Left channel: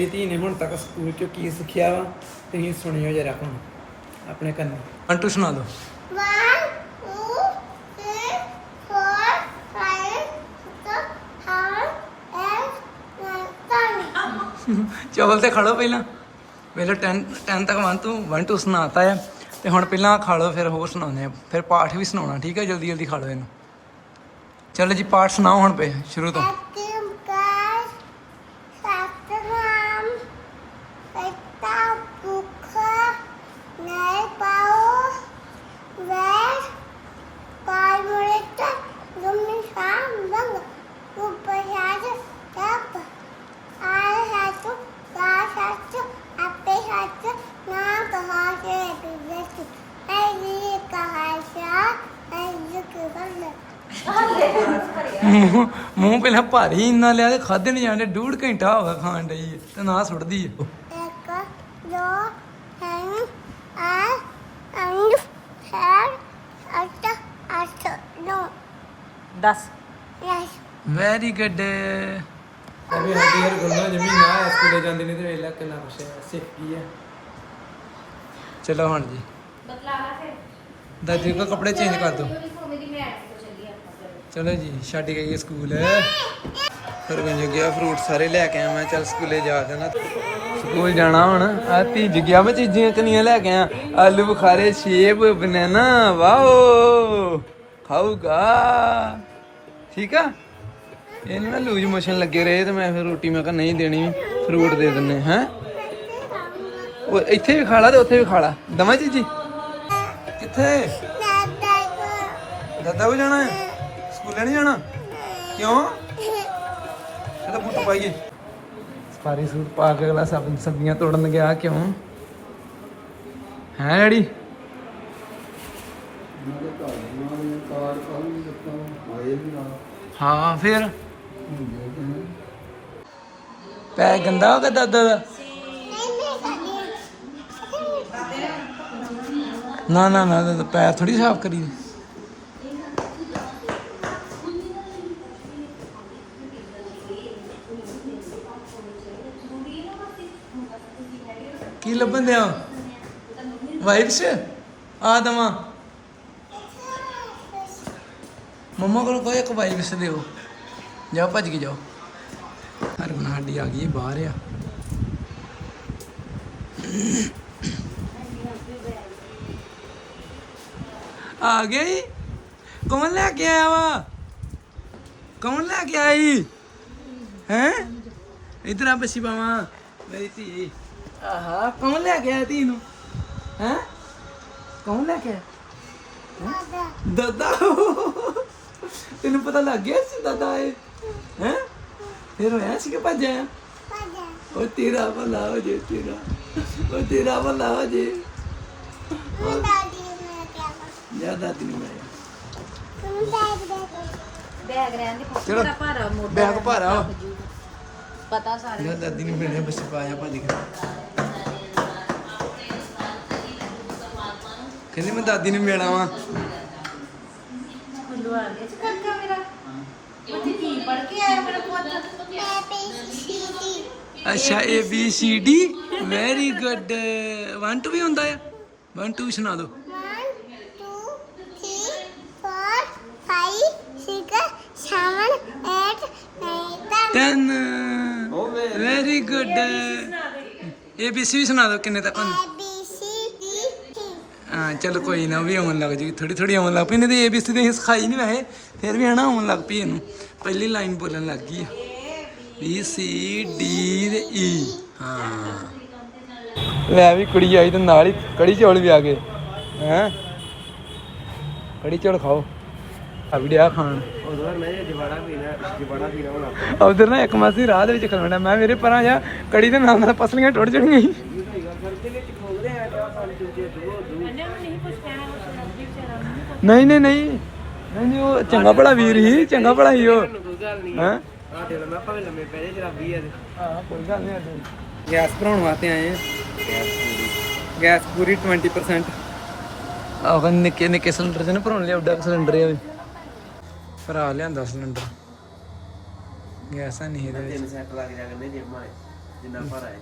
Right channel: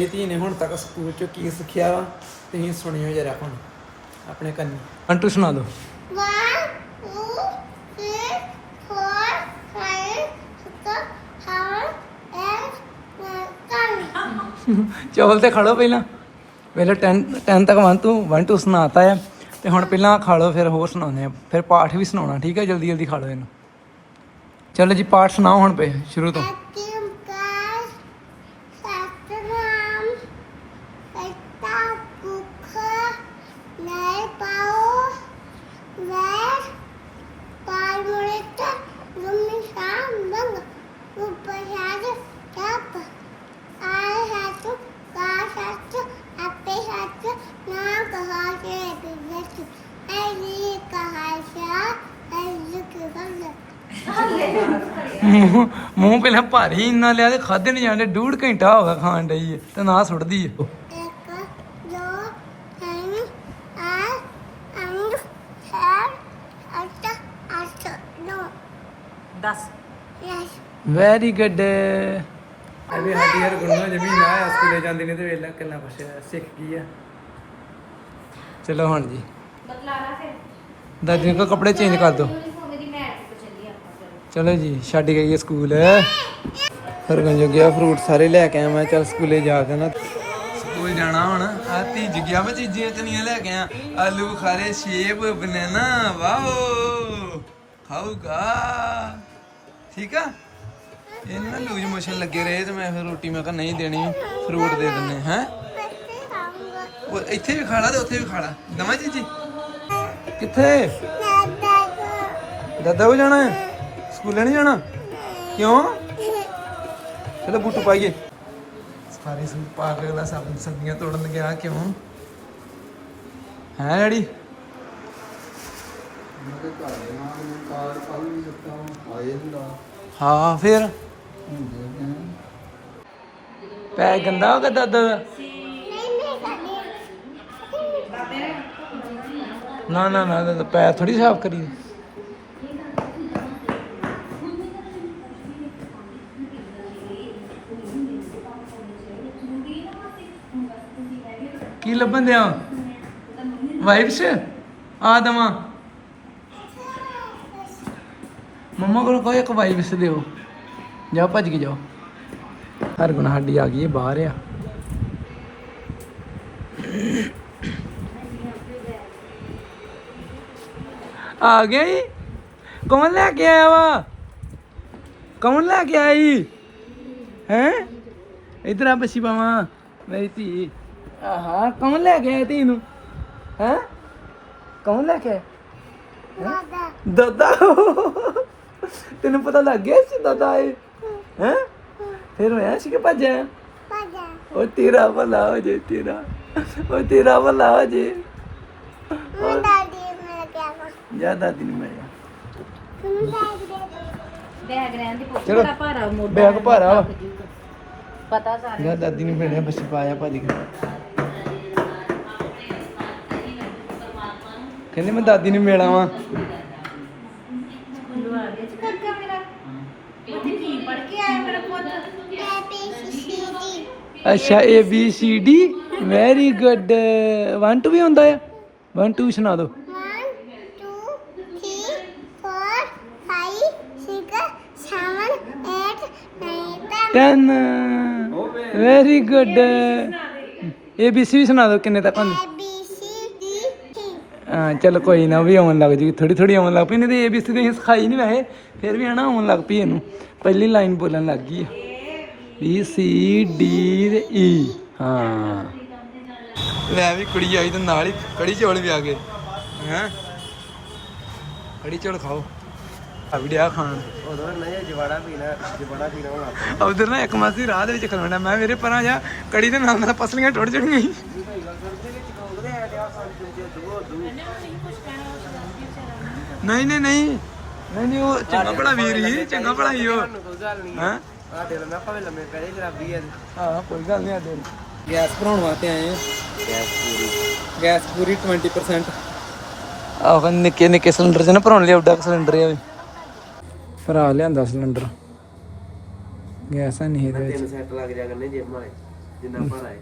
ਇਹ ਧੀ ਨੇ ਹੁਣ ਤੱਕ ਸਕੂਲ ਚ ਕੀ ਸਿੱਖਿਆ ਵਾ ਤੁਸੀਂ ਸੁਣਿਓ ਜਰਾ ਹੁਣ ਆਪਣੇ ਕੰਨ। ਅੰਟੂ ਸੁਣਾ ten. ਚੌਲ ਤੇ ਖਾ ਲਓ ਪਹਿਲਾਂ। ਪਹਿਲਾਂ 10 10 ਤੱਕ 1 ਤੋਂ 1 ਤੋਂ ਸੁਣਾਤਾ ਹੈ ਤੇ ਹੁਣ ਪਹਿਲਾਂ ਖਾ ਲਓ ਫਿਰ ਹੋਰ ਸੁਣਾਉਂਦੇ ਆ। ਫਿਰ ਪਾਠ ਵੀ ਸੁਣਾਉਣਾ ਠੀਕ ਹੈ ਜਲਦੀ ਜਲਦੀ ਖਾ ਲਓ ਇਹਨੂੰ। ਚਲੋ ਜੀ ਪਾਠ ਸੁਣਾਓ ਹੁਣ ਪਏ ਸ਼ੁਰੂ ਤੋਂ। ਮੂੰਹ ਪਹਿਲਾਂ ਭਾਰੀ ਇੰਨਾ ਲਿਆ ਤੇ ਖਾਦੇ ਨਹੀਂ ਜਾਂਦੇ ਡੂਢ ਘੰਟਾ ਹੋ ਗਿਆ ਖਾਣ ਡਈ ਤੇ ਨਾ ਸੁੱਟਦੀ ਹੈ ਇੱਕ ਦੋ ਤਿੰਨ ਚਾਰ ਪੰਜ ਛੇ ਅੱਠ ਅੱਠ ਨੌ 10 ਦਸ। ਵੈਰੀ ਗੁੱਡ ਅਭੀ ਸਾਡੀ ਯਾਰ ਗੁਰਨਾ ਜ਼ਮੀਨ ਆ ਸਕੂਲੇ ਜਾਂਦੀ ਨਹੀਂ ਤੇ ਵੇਲਾ ਕਿੰਨਾ ਕੁਛ ਹੈ ਸਿੱਖ ਗਈ ਆ। ਚਲੋ ਹੁਣ ਜੀ। ਬਤਲਾ ਲਾ ਫਿਰ। ਦਾਦੀ ਕੋ ਕੱਪੜੇ ਚੇਂਜ ਕਰ ਦਿਓ ਯੂਨੀਫਾਰਮ ਦੀ ਮੈਟ ਤੇ ਚੱਲੀ ਚਲੋ ਜੀ ਛੱਡ ਗਈ ਸਕੂਲ। ਫਿਰ ਮੈਂ ਜਗਿਆ ਫਰੂਟ ਸਾਰੇ ਲੈ ਕੇ ਆਇਆ ਮੈਂ ਚੱਲ ਸਕੂਲੇ ਜਾ ਕੇ ਨਾ। ਸਕੂਲ ਜਾਣਾ ਹੁਣ। ਆ ਤੀ ਜਗਿਆ ਮੈਂ ਚੀਜ਼ਾਂ ਕਨੀਆਂ ਲੈ ਕੇ ਆ ਆਲੂ ਬੁਖਾਰੇ ਸੇਬ ਬਨਾਨਾ ਵਾਓ। ਖਾਊਗਾ। ਠੀਕ ਆ? ਇਹਨੂੰ ਨਾ ਲੂਜ ਮੋਸ਼ਨ ਲੱਗੇ ਰਹੇ ਤੇ ਮੈਂ ਫਿਰ ਰੋਟੀ ਮੈਂ ਕਿਹਾ ਨਹੀਂ ਦੇਣੀ ਫਰੂਟ ਦੇ ਦਿੰਨੇ ਹੈ? ਉਹ ਇੱਥੇ ਵੀ ਖਾ ਲਾ ਤੇ ਉੱਥੇ ਵੀ ਖਾ ਲਾ। ਦਮਾ ਚੀਜੀ ਕਿੱਥੇ? ਦਾਦਾ ਕੋ ਦਾਦਾ ਕੋ ਜਾਣਾ ਹੈ? ਸਕੂਲੇ ਨਹੀਂ ਜਾਣਾ? ਕਿਉਂ? ਚਲੋ ਬੁੱਟ ਪਾਈਏ। ਸਫਾਰੀ ਸੂਟ ਪਾ ਕੇ ਅਗਲਾ ਸਬ ਸਬਜ਼ੀਆਂ ਤੋੜਨ ਗਿਆ, ਕਿਉਂ? ਹੈ ਡੈਡੀ? ਹਾਂ, ਫਿਰ? ਪੈ ਗੰਦਾ ਹੋ ਗਿਆ ਦਾਦਾ ਦਾ? ਨਾ ਨਾ ਨਾ ਪੈਰ ਥੋੜੀ ਸਾਫ਼ ਕਰੀ ਲੱਭਣ ਦਿਆ? ਵਾਈਬਸ ਆ ਦਵਾਂ। ਮੰਮਾ ਕੋਲ ਕੋਈ ਇੱਕ ਵਾਈਬਸ ਦਿਓ। ਜਾ ਭੱਜ ਕੇ ਜਾਓ। ਹਰ ਗੁਣ ਸਾਡੀ ਆ ਗਈ ਹੈ ਬਾਹਰ ਆ। ਆ ਗਿਆ ਕੌਣ ਲੈ ਕੇ ਆਇਆ ਵਾ? ਕੌਣ ਲੈ ਕੇ ਆਈ ਹੈ? ਇਧਰ ਆ ਬੱਸੀ ਪਾਵਾਂ। ਮੇਰੀ ਧੀ। ਆਹਾ ਕੌਣ ਲੈ ਕੇ ਆਇਆ ਧੀ ਨੂੰ ਹੈ? ਕੌਣ ਲੈ ਕੇ ਆਇਆ? ਦਾਦਾ। ਦਾਦਾ? ਤੈਨੂੰ ਪਤਾ ਲੱਗ ਗਿਆ ਸੀ ਦਾਦਾ ਆਏ ਹੈ? ਫਿਰ ਹੋਇਆ ਸੀ ਕਿ ਭੱਜਿਆ? ਉਹ ਤੇਰਾ ਭਲਾ ਹੋ ਜੇ ਤੇਰਾ। ਉਹ ਤੇਰਾ ਭਲਾ ਹੋ ਜੇ। ਮੈਂ ਦਾਦੀ ਮੈਂ ਨੂੰ ਦੇ ਬੈਗ ਰਹਿਣ ਦੇ ਪੁੱਤ ਚਲੋ। ਦਾ ਭਾਰਾ ਮੋਢਾ ਬੈਗ ਭਾਰਾ ਵਾ। ਪਤਾ ਸਾਰੇ ਜਾ ਦਾਦੀ ਨੂੰ ਮਿਲਿਆ ਬੱਸ ਪਾਇਆ ਭੱਜ ਕੇ। ਕਹਿੰਦੇ ਮੈਂ ਦਾਦੀ ਨੂੰ ਮਿਲਾਂ ਵਾਂ। ਮੁੰਡੂ ਆ ਗਿਆ ਕਾਕਾ ਮੇਰਾ ਉੱਥੇ ਕੀ ਪੜ ਕੇ ਆਇਆ ਮੇਰਾ ਪੁੱਤ Happy C D A B C D very good 1 2 ਵੀ ਹੁੰਦਾ ਆ? 1 2 ਸੁਣਾ ਦਿਓ। 1 2 3 4 5 6 7 8 9 10 10 very good A B C V ਸੁਣਾ ਦਿਓ ਕਿੰਨੇ ਤੱਕ ਹੁੰਦੀ। ਚਲ ਕੋਈ ਨਾ ਵੀ ਆਉਣ ਲੱਗ ਜੂਗੀ ਥੋੜੀ ਥੋੜੀ ਆਉਣ ਲੱਗ ਪਈ ਨਹੀਂ ਤੇ ਏਬੀਸੀ ਤੇ ਸਿਖਾਈ ਨਹੀਂ ਵੈਸੇ ਫਿਰ ਵੀ ਹਨਾ ਆਉਣ ਲੱਗ ਪਈ ਇਹਨੂੰ। ਪਹਿਲੀ ਲਾਈਨ ਬੋਲਣ ਲੱਗ ਗਈ ਆ। ਬੀ ਸੀ ਡੀ ਤੇ ਈ ਹਾਂ। ਲੈ ਵੀ ਕੁੜੀ ਆਈ ਤੇ ਨਾਲ ਹੀ ਕੜੀ ਚੌਲ ਵੀ ਆ ਗਏ। ਹੈ? ਕੜੀ ਚੌਲ ਖਾਓ। ਆ ਵੀ ਡਿਆ ਖਾਣ। ਉਦੋਂ ਮੈਂ ਜਵਾੜਾ ਪੀਣਾ ਜਵਾੜਾ ਪੀਣਾ ਹੋਣਾ। ਉਧਰ ਨਾ ਇੱਕ ਮਾਸੀ ਰਾਹ ਦੇ ਵਿੱਚ ਖਲੋਣਾ ਮੈਂ ਮੇਰੇ ਪਰਾਂ ਜਾ ਕੜੀ ਦੇ ਨਾਲ ਨਾਲ ਪਸਲੀਆਂ ਟੁੱਟ ਜਾਣਗੀਆਂ। ਸੀ। ਨਹੀਂ ਨਹੀਂ ਨਹੀਂ। ਨਹੀਂ ਨਹੀਂ ਉਹ ਚੰਗਾ ਭਲਾ ਵੀਰ ਹੀ ਚੰਗਾ ਭਲਾ ਹੀ ਉਹ। ਹਾਂ? ਆ ਦਿਲ ਮੈਂ ਭਾਵੇਂ ਲੰਮੇ ਪੈਰੇ ਜਰਾਬੀ ਆ ਤੇ ਹਾਂ ਕੋਈ ਗੱਲ ਨਹੀਂ ਆਦੇ ਗੈਸ ਭਰਾਉਣ ਵਾਸਤੇ ਆਏ ਆ। ਗੈਸ ਪੂਰੀ 20% ਆਹ ਨਿੱਕੇ ਨਿੱਕੇ ਸਿਲੰਡਰ ਚ ਨਾ ਭਰਾਉਣ ਲਈ ਉੱਡਾ ਸਿਲੰਡਰ ਆ ਭਰਾ ਲਿਆਂਦਾ ਸਿਲੰਡਰ ਗੈਸ ਨਹੀਂ ਵਿੱਚ। ਤਿੰਨ ਸੈੱਟ ਲੱਗ ਜਾ ਕਰਨੇ ਜੇਬਾਂ ਜਿੰਨਾ ਭਰ ਆਏ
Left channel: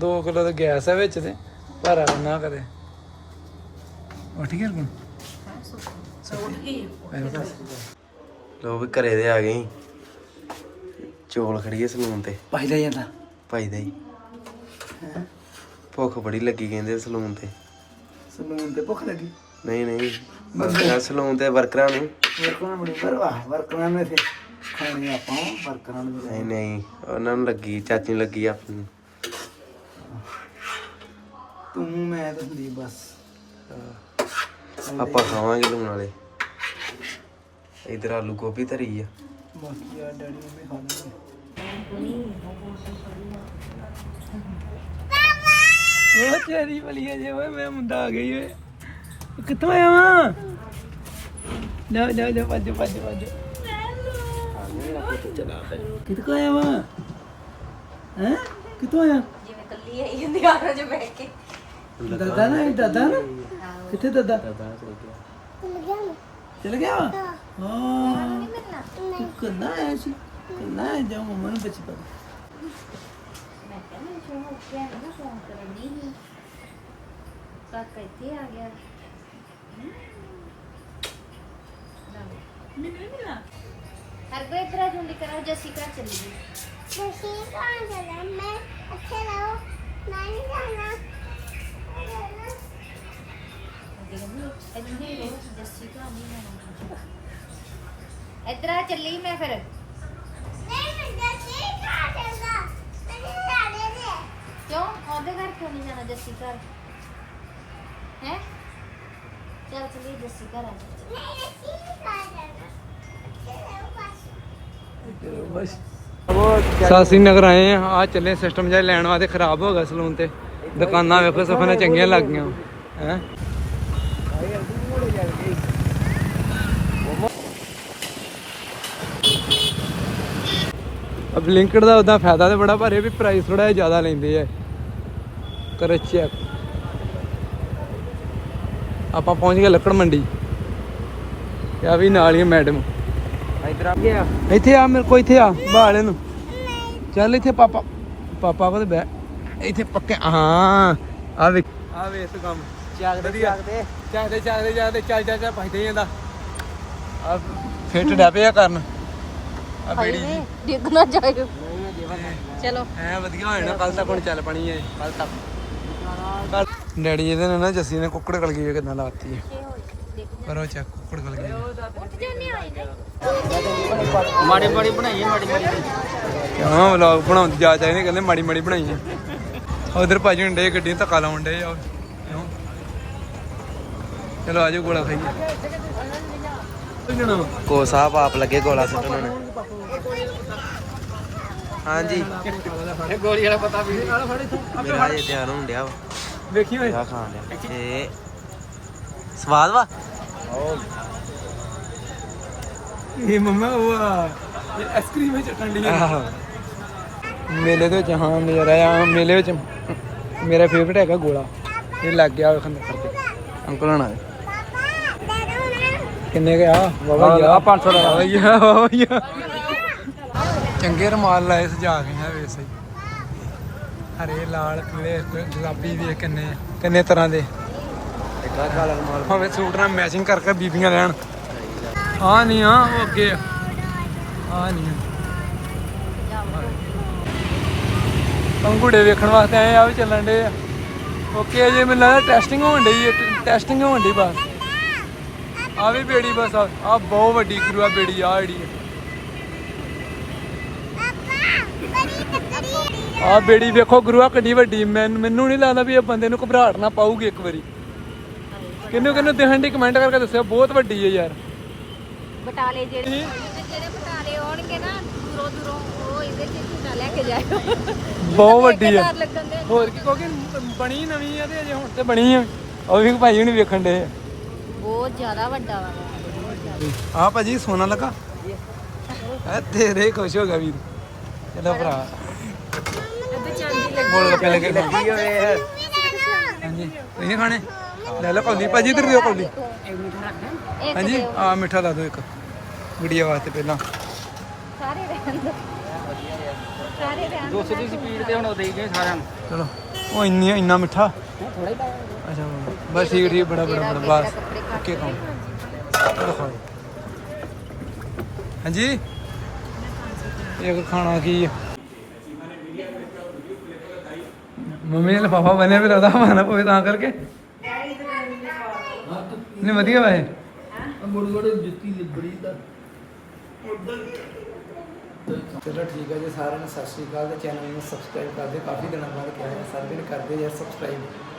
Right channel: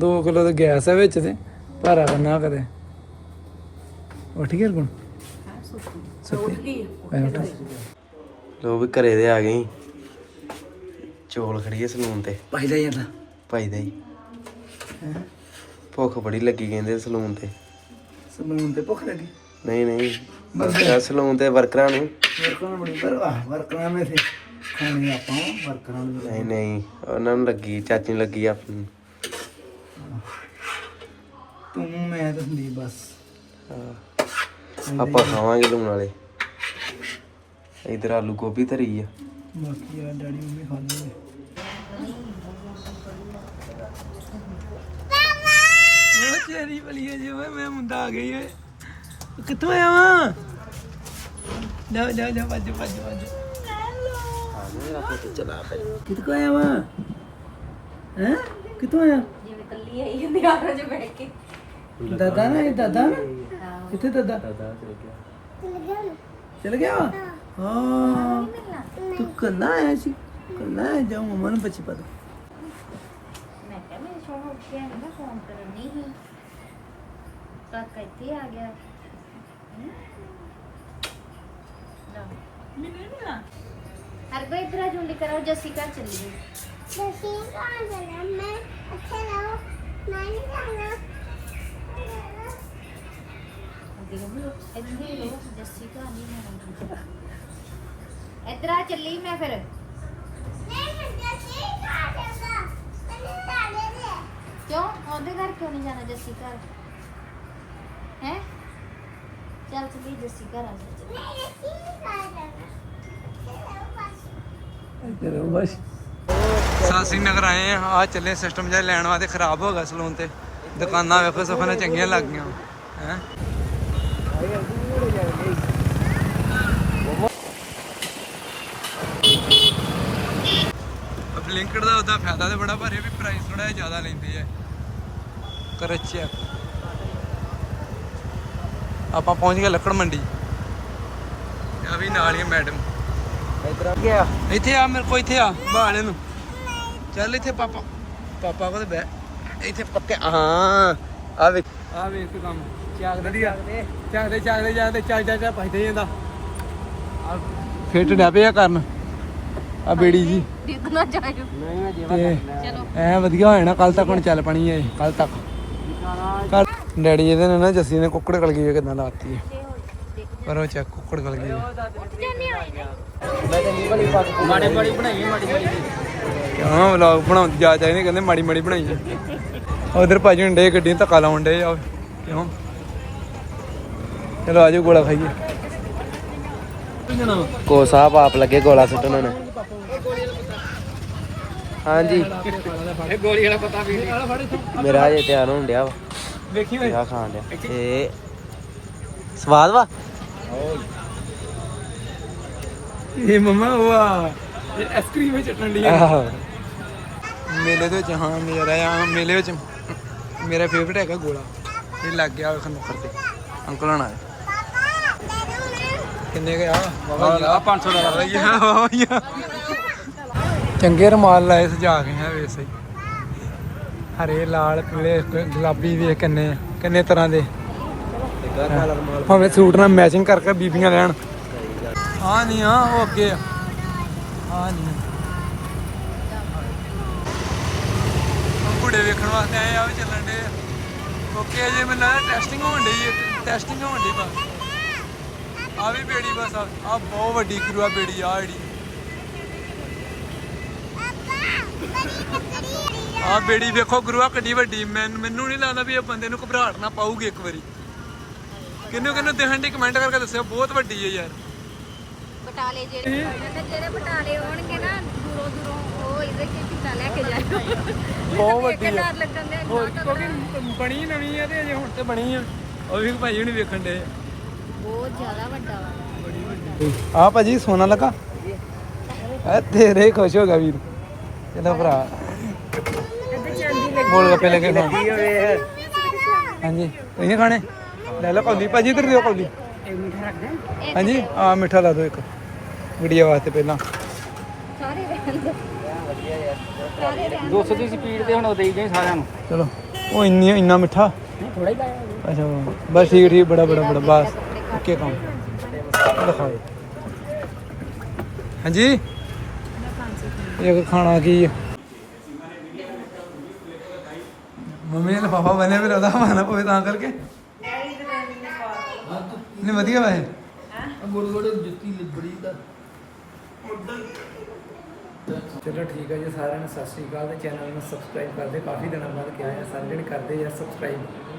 2 ਕਿਲੋ ਤੇ ਗੈਸ ਹੈ ਵਿੱਚ ਤੇ। ਭਾਰਾ ਕਰਨਾ ਕਦੇ ਉੱਠ ਗਿਆ ਕੋਣ? ਲੋ ਵੀ ਘਰੇ ਦੇ ਆ ਗਏ ਚੋਲ ਖੜੀਏ ਸਲੂਨ ਤੇ। ਪਹਿਲਾਂ ਜਾਂਦਾ ਭਾਈ ਦੇ ਭੁੱਖ ਬੜੀ ਲੱਗੀ ਕਹਿੰਦੇ ਸਲੂਨ ਤੇ। ਸਲੂਨ ਤੇ ਭੁੱਖ ਲੱਗੀ? ਨਹੀਂ ਨਹੀਂ। ਵਰਕਰਾਂ ਸਲੂਨ ਤੇ ਵਰਕਰਾਂ ਨੂੰ। ਵਰਕਰਾਂ ਬੜੀ ਪਰਵਾਹ ਵਰਕਰਾਂ ਨੇ ਤੇ ਖਾਣੀ ਆਪਾਂ ਵਰਕਰਾਂ ਨੂੰ। ਨਹੀਂ ਨਹੀਂ। ਉਹਨਾਂ ਨੂੰ ਲੱਗੀ ਚਾਚੀ ਨੂੰ ਲੱਗੀ ਆਪਣੀ ਤੂੰ ਮੈਂ ਤੇ ਸੰਦੀਪ ਬਸ। ਹਾਂ। ਆਪਾਂ ਖਾਵਾਂਗੇ ਲੂਣ ਵਾਲੇ ਇਧਰ ਆਲੂ ਗੋਭੀ ਧਰੀ ਆ। ਬਾਕੀ ਆ ਡੈਡੀ ਮੰਮੀ ਖਾਂਦੇ ਆ। ਉਹ ਤੇਰੀ ਬਲੀਆ ਜੇ ਓਏ ਮੈਂ ਮੁੰਡਾ ਆ ਗਈ ਓਏ। ਕਿੱਥੋਂ ਆਇਆ ਵਾ? ਜਾ ਜਾ ਜਾ ਭੱਜ ਭੱਜ ਭੱਜ। ਚਲਾ ਕਿੱਥੋਂ ਆਇਆ ਵਾ? ਹੈ? ਕਿੱਥੋਂ ਆਇਆ? ਜਿਵੇਂ ਕੱਲੀ ਆਈ ਹੁੰਦੀ ਆਰਾ ਚ ਬੈਠ ਕੇ। ਦਾਦਾ ਨਾ ਇਹ ਦਾਦਾ ਨਾ? ਕਿੱਥੇ ਦਾਦਾ? ਚਲ ਗਿਆ। ਹਾਂ। ਤੂੰ ਕੰਨਾ ਆਇਆ ਸੀ। ਕੰਨਾ ਆਇਆ ਜਾ ਮਮਾ ਨੂੰ ਬੱਚੀ ਪਤਾ ਕਾਕਾ ਇੱਥੇ ਆ ਗਿਆ। ਹਰ ਕੋਈ ਇਤਰਾ ਜੁੰਡੀ ਕਰੋ ਜੱਸੀ ਘਰ ਚੱਲੀ ਗਈ। ਤੁਸੀਂ ਕੌਣ ਜਾਣਾ ਮੈਂ ਅੱਛੇ ਰਹੋ। ਮੈਂ ਨਹੀਂ ਜਾਣਾ। ਇੱਥੇ ਰਹੋ ਜੱਸੀ ਘਰ ਨਹੀਂ ਜਾਣਾ ਇਤਰਾ ਚੱਲੀ ਮੈਂ ਫਿਰ। ਕਿਉਂ? ਉਹਦੇ ਘਰ ਕਿਉਂ ਨਹੀਂ ਜਾਣਾ ਜੱਸੀ ਘਰ? ਹੈ? ਚੱਲ ਚੱਲੀ, ਜੱਸੀ ਘਰ ਆ ਜਾ। ਬਸ ਸਾਸੀ ਨਗਰ ਆਏ ਆ ਆ ਚੱਲੇ ਸਿਸਟਮ ਜਿਹਾ ਲੈਣ ਵਾਸਤੇ, ਖਰਾਬ ਹੋ ਗਿਆ ਸਲੂਨ ਤੇ। ਦੁਕਾਨਾਂ ਵੇਖੋ, ਸਫਾਈਆਂ ਚੰਗੀਆਂ ਲੱਗ ਗਈਆਂ। ਹੈ? ਅਬ ਲਿੰਕਡ ਦਾ ਉਹਦਾ ਫਾਇਦਾ ਤੇ ਬੜਾ ਇਹ ਵੀ ਪ੍ਰਾਈਸ ਥੋੜਾ ਜ਼ਿਆਦਾ ਲੈਂਦੇ ਆ। ਕਰ ਚੈੱਕ ਆਪਾਂ ਪਹੁੰਚ ਗਏ ਲੱਕੜ ਮੰਡੀ। ਆ ਵੀ ਨਾਲ ਹੀ ਮੈਡਮ ਇਧਰ ਆ ਗਿਆ। ਇੱਥੇ ਆ ਮੇਰੇ ਕੋ ਇੱਥੇ ਆ ਬਾਲੇ ਨੂੰ। ਚੱਲ ਇੱਥੇ ਪਾਪਾ ਪਾਪਾ ਕੋਲ ਬੈ ਇੱਥੇ ਪੱਕੇ ਹਾਂ ਆ ਵੇ ਆ ਵੇ ਤੂੰ ਕੰਮ। ਵਧੀਆ। ਚੱਲਦੇ ਚੱਲਦੇ ਚੱਲਦੇ ਚੱਲ ਚੱਲ ਭਜਦੇ ਜਾਂਦਾ। ਆ ਫਿੱਟ ਡੈ ਪਿਆ ਕਰਨ। ਆ ਬੇੜੀ ਜੀ। ਡਿੱਗ ਨਾ ਜਾਇਓ। ਤੇ ਚਲੋ। ਐ ਵਧੀਆ ਹੋ ਜਾਣਾ ਕੱਲ ਤੱਕ ਹੁਣ ਚੱਲ ਪਣੀ ਹੈ ਕੱਲ ਤੱਕ। ਡੈਡੀ ਇਹਦੇ ਨੇ ਨਾ ਜੱਸੀ ਨੇ ਕੁੱਕੜ ਗਲ ਗਈ ਕਿਦਾਂ ਲਾਤੀ ਹੈ ਕਰੋ ਚੈੱਕ ਕੁੱਕੜ ਗਲ ਗਈ ਹੈ ਮਾੜੀ ਮਾੜੀ ਬਣਾਈ ਮਾੜੀ ਮਾੜੀ। ਕਿਉਂ ਵਲੌਗ ਬਣਾਉਣ ਜਾ ਜਾ ਇਹਨੇ ਕਹਿੰਦੇ ਮਾੜੀ ਮਾੜੀ ਬਣਾਈ ਉਧਰ ਭਾਜੀ ਹੁੰਦੇ ਗੱਡੀ ਨੂੰ ਧੱਕਾ ਲਾਉਣ ਡੇ ਆ ਕਿਉਂ? ਚਲੋ ਆਜੋ ਗੋਲਾ ਖਾਈਏ। ਕੋ ਸਾਹਿਬ ਆਪ ਲੱਗੇ ਗੋਲਾ ਸੁੱਟਣ ਹੁਣ ਹਾਂਜੀ। ਗੋਲੀ ਵਾਲਾ ਪਤਾ ਵੀ ਮੇਰਾ ਹਜੇ ਤਿਆਰ ਹੋਣ ਡਿਆ ਵਾ। ਵੇਖੀ ਓਏ ਮੇਰਾ ਖਾਣ ਡਿਆ। ਤੇ ਸਵਾਦ ਵਾ? ਇਹ ਮਮਾ ਆ ਇਹ ਆਈਸਕ੍ਰੀਮ ਵਿੱਚ ਚੱਟਣ ਲਈ ਆਹੋ। ਮੇਲੇ ਦੇ ਵਿੱਚ ਹਾਂ ਨਜ਼ਾਰਾ ਆ। ਮੇਲੇ ਵਿੱਚ ਮੇਰਾ ਫੇਵਰਟ ਹੈਗਾ ਗੋਲਾ। ਇਹ ਲੱਗ ਗਿਆ ਨੂੰ ਤੇ। ਅੰਕਲ ਹਣਾ ਕਿੰਨੇ ਗਿਆ ਆ? 500 ਦਾ ਚੰਗੇ ਰਮਾਲ ਲਾਏ ਸਜਾ ਕੇ ਹੈ ਵੇਸ ਹਰੇ, ਲਾਲ, ਪੀਲੇ, ਗੁਲਾਬੀ ਵੇਖ ਕਿੰਨੇ ਕਿੰਨੇ ਤਰ੍ਹਾਂ ਦੇ। ਭਾਵੇਂ ਸੂਟ ਨਾਲ ਮੈਚਿੰਗ ਕਰ ਕਰ ਬੀਬੀਆਂ ਲੈਣ। ਹਾਂ ਨਹੀਂ ਹਾਂ ਉਹ ਅੱਗੇ ਆ। ਨਹੀਂ ਅੰਗੂੜੇ ਵੇਖਣ ਵਾਸਤੇ ਆਏ ਆ ਵੀ ਚੱਲਣ ਦੇ ਓਕੇ ਜੇ ਮੈਨੂੰ ਲੱਗਦਾ ਟੈਸਟਿੰਗ ਹੋਣ ਡਈ ਟੈਸਟਿੰਗ ਹੋਣ ਡਈ ਬਸ। ਆ ਵੀ ਬੇੜੀ ਬਸ ਆ ਆਹ ਬਹੁਤ ਵੱਡੀ ਕਰੂ ਆ ਬੇੜੀ ਆ ਜਿਹੜੀ ਆ ਬੇੜੀ ਵੇਖੋ ਗੁਰੂਆ ਕਿੱਡੀ ਵੱਡੀ। ਮੈਨ- ਨਹੀਂ ਲੱਗਦਾ ਵੀ ਇਹ ਬੰਦੇ ਨੂੰ ਘਬਰਾਹਟ ਨਾ ਪਾਊਗੀ ਇੱਕ ਵਾਰੀ। ਕਿੰਨੂੰ ਕਿੰਨੂੰ ਦੇਖਣ ਦੀ ਕਮੈਂਟ ਕਰਕੇ ਦੱਸਿਓ ਬਹੁਤ ਵੱਡੀ ਹੈ ਯਾਰ। ਬਟਾਲੇ ਜਿਹੜੇ ਮੈਂ ਕਿਹਾ ਜਿਹੜੇ ਬਟਾਲੇ ਆਉਣਗੇ ਨਾ ਦੂਰੋਂ ਦੂਰੋਂ ਉਹ ਇਹਦੇ ਚ ਝੂਟਾ ਲੈ ਕੇ ਜਾਇਓ। ਬਹੁਤ ਵੱਡੀ ਹੈ ਹੋਰ ਕਿਉਂਕਿ ਬਣੀ ਨਵੀਂ ਹੈ ਤੇ ਅਜੇ ਹੁਣ ਤੇ ਬਣੀ ਆ। ਉਹ ਵੀ ਭਾਈ ਹੁਣ ਵੇਖਣ ਦੇ ਬਹੁਤ ਜ਼ਿਆਦਾ ਵੱਡਾ ਵਾ। ਆ ਭਾਜੀ ਸੋਨਾ ਲਗਾ। ਐ ਤੇਰੇ ਖੁਸ਼ ਹੋ ਗਿਆ ਵੀਰ। ਚਲੋ ਭਰਾ। ਗੋਲ ਗੱਪੇ ਲੈ ਕੇ ਖਾਣ। ਹਾਂਜੀ ਤੁਸੀਂ ਨੀ ਖਾਣੇ? ਲੈ ਲਓ ਕੌਲੀ ਭਾਜੀ ਇੱਧਰ ਦਿਓ ਕੌਲੀ। ਹਾਂਜੀ ਆ ਮਿੱਠਾ ਲਾ ਦਿਓ ਇੱਕ ਗੁੜੀਆ ਵਾਸਤੇ ਪਹਿਲਾਂ। ਸਾਰੇ ਰਹਿਣ ਦੇ। 200 ਦੀ। ਸਪੀਡ ਤੇ ਹੁਣ ਉਹ ਦੇਈ ਗਏ ਸਾਰਿਆਂ ਨੂੰ। ਚਲੋ ਉਹ ਇੰਨੀ ਇੰਨਾ ਮਿੱਠਾ? ਥੋੜਾ ਹੀ ਪਾਇਆ ਅੱਛਾ ਬਸ ਠੀਕ ਠੀਕ ਬੜਾ ਬੜਾ ਬੜਾ ਬਸ। ਓਕੇ ਕੰਮ। ਹਾਂਜੀ? ਇੱਕ ਖਾਣਾ ਕੀ ਆ? ਮੰਮੀ ਨੇ ਲਫਾਫਾ ਬੰਨਿਆ ਵੀ ਰਦਾ ਮਾਨਾ ਪਵੇ ਤਾਂ ਕਰਕੇ। ਨਹੀਂ ਵਧੀਆ ਵੈਸੇ ਚਲੋ ਠੀਕ ਹੈ ਜੀ ਸਾਰਿਆਂ ਨੂੰ ਸਤਿ ਸ਼੍ਰੀ ਅਕਾਲ ਤੇ ਚੈਨਲ ਨੂੰ ਸਬਸਕ੍ਰਾਈਬ ਕਰਦੇ ਕਾਫੀ ਦਿਨਾਂ ਬਾਅਦ ਕਿਹਾ ਹੈ ਸਾਰੇ ਜਣੇ ਕਰਦੇ ਯਾਰ ਸਬਸਕ੍ਰਾਈਬ।